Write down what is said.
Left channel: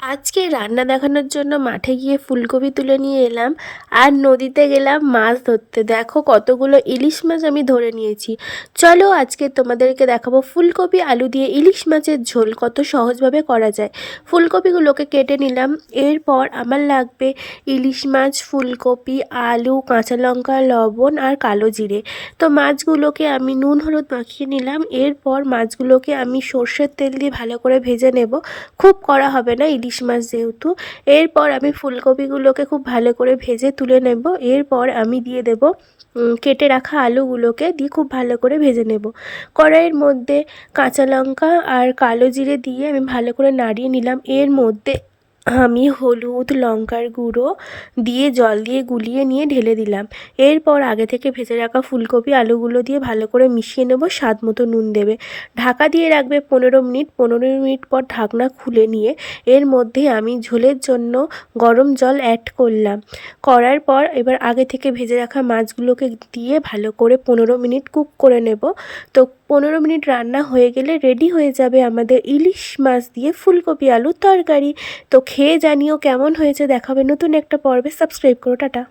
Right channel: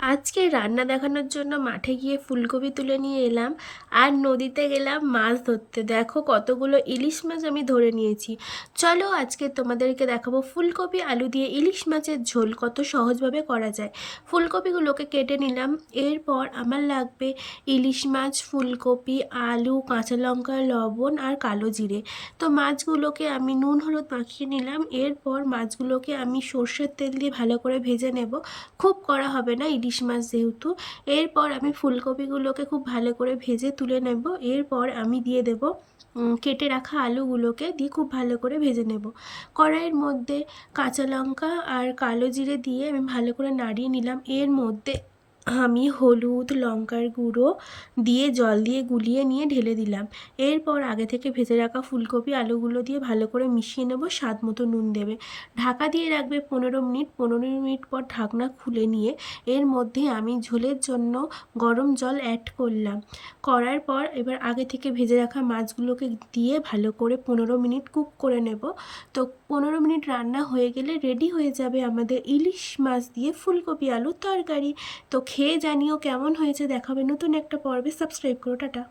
আজকে রান্না দেখানোর জন্য মাঠে গিয়ে ফুলকপি তুলে নিয়ে এলাম আর নদীতে গেলাম মাছ ধরতে। দেখো কতগুলো ইলিশ মাছ আমি ধরে নিয়েছি। চলো আজকে তোমাদেরকে দেখাবো ফুলকপি আলু দিয়ে ইলিশ মাছের ঝোল কত সহজভাবে করা যায়। ফুলকপিগুলোকে কেটে নিলাম। এরপর আমার লাগবে ইলিশ মাছ, ফুলকপি, আলু, কাঁচা লঙ্কা, লবণ আর কালো জিরে। তো মাছগুলোকে আমি নুন হলুদ মাখিয়ে নিলাম। এরপর মাছগুলোকে আমি সর্ষের তেল দিয়ে ভালো করে ভেজে নেব। খুব কড়া হবে না ইলিশ মাছ যেহেতু। এরপর আমি ফুলকপিগুলোকে খুব ভালো করে ভেজে তুলে নেব। এরপর আমি দিয়ে দেব কেটে রাখা আলুগুলোকে দিয়ে খুব ভালো করে ভেজে নেব। কড়াইয়ের মধ্যে কাঁচা লঙ্কা আর কালো জিরে দিয়ে আমি ভালো করে নাড়িয়ে নিলাম। এর মধ্যে আমি হলুদ, লঙ্কার গুঁড়ো দিয়ে জল দিয়ে গুলিয়ে নিয়ে ঢেলে দিলাম। এরপর আগে থেকে ভেজে রাখা ফুলকপি আলুগুলো দিয়ে ভালো করে মিশিয়ে নেব। স্বাদ মতো নুন দেবে। ঢাকা দিয়ে রাখবে 15 মিনিট। 15 মিনিট পর ঢাকনা খুলে নিয়ে এর মধ্যে আমি ঝোলের জন্য গরম জল অ্যাড করলাম। করার পর এবার আগে থেকে ভেজে রাখা মাছগুলোকে দিয়ে ভালো করে 15 মিনিট কুক করে নেব। তো 15 মিনিট রান্না হয়ে গেলে রেডি হয়ে যাবে আমাদের ইলিশ মাছ দিয়ে ফুলকপি আলুর তরকারি। তো খেয়ে জানিও কেমন হয়েছে। দেখাবে নতুন একটা পর্বে। সাবস্ক্রাইব করো। টাটা।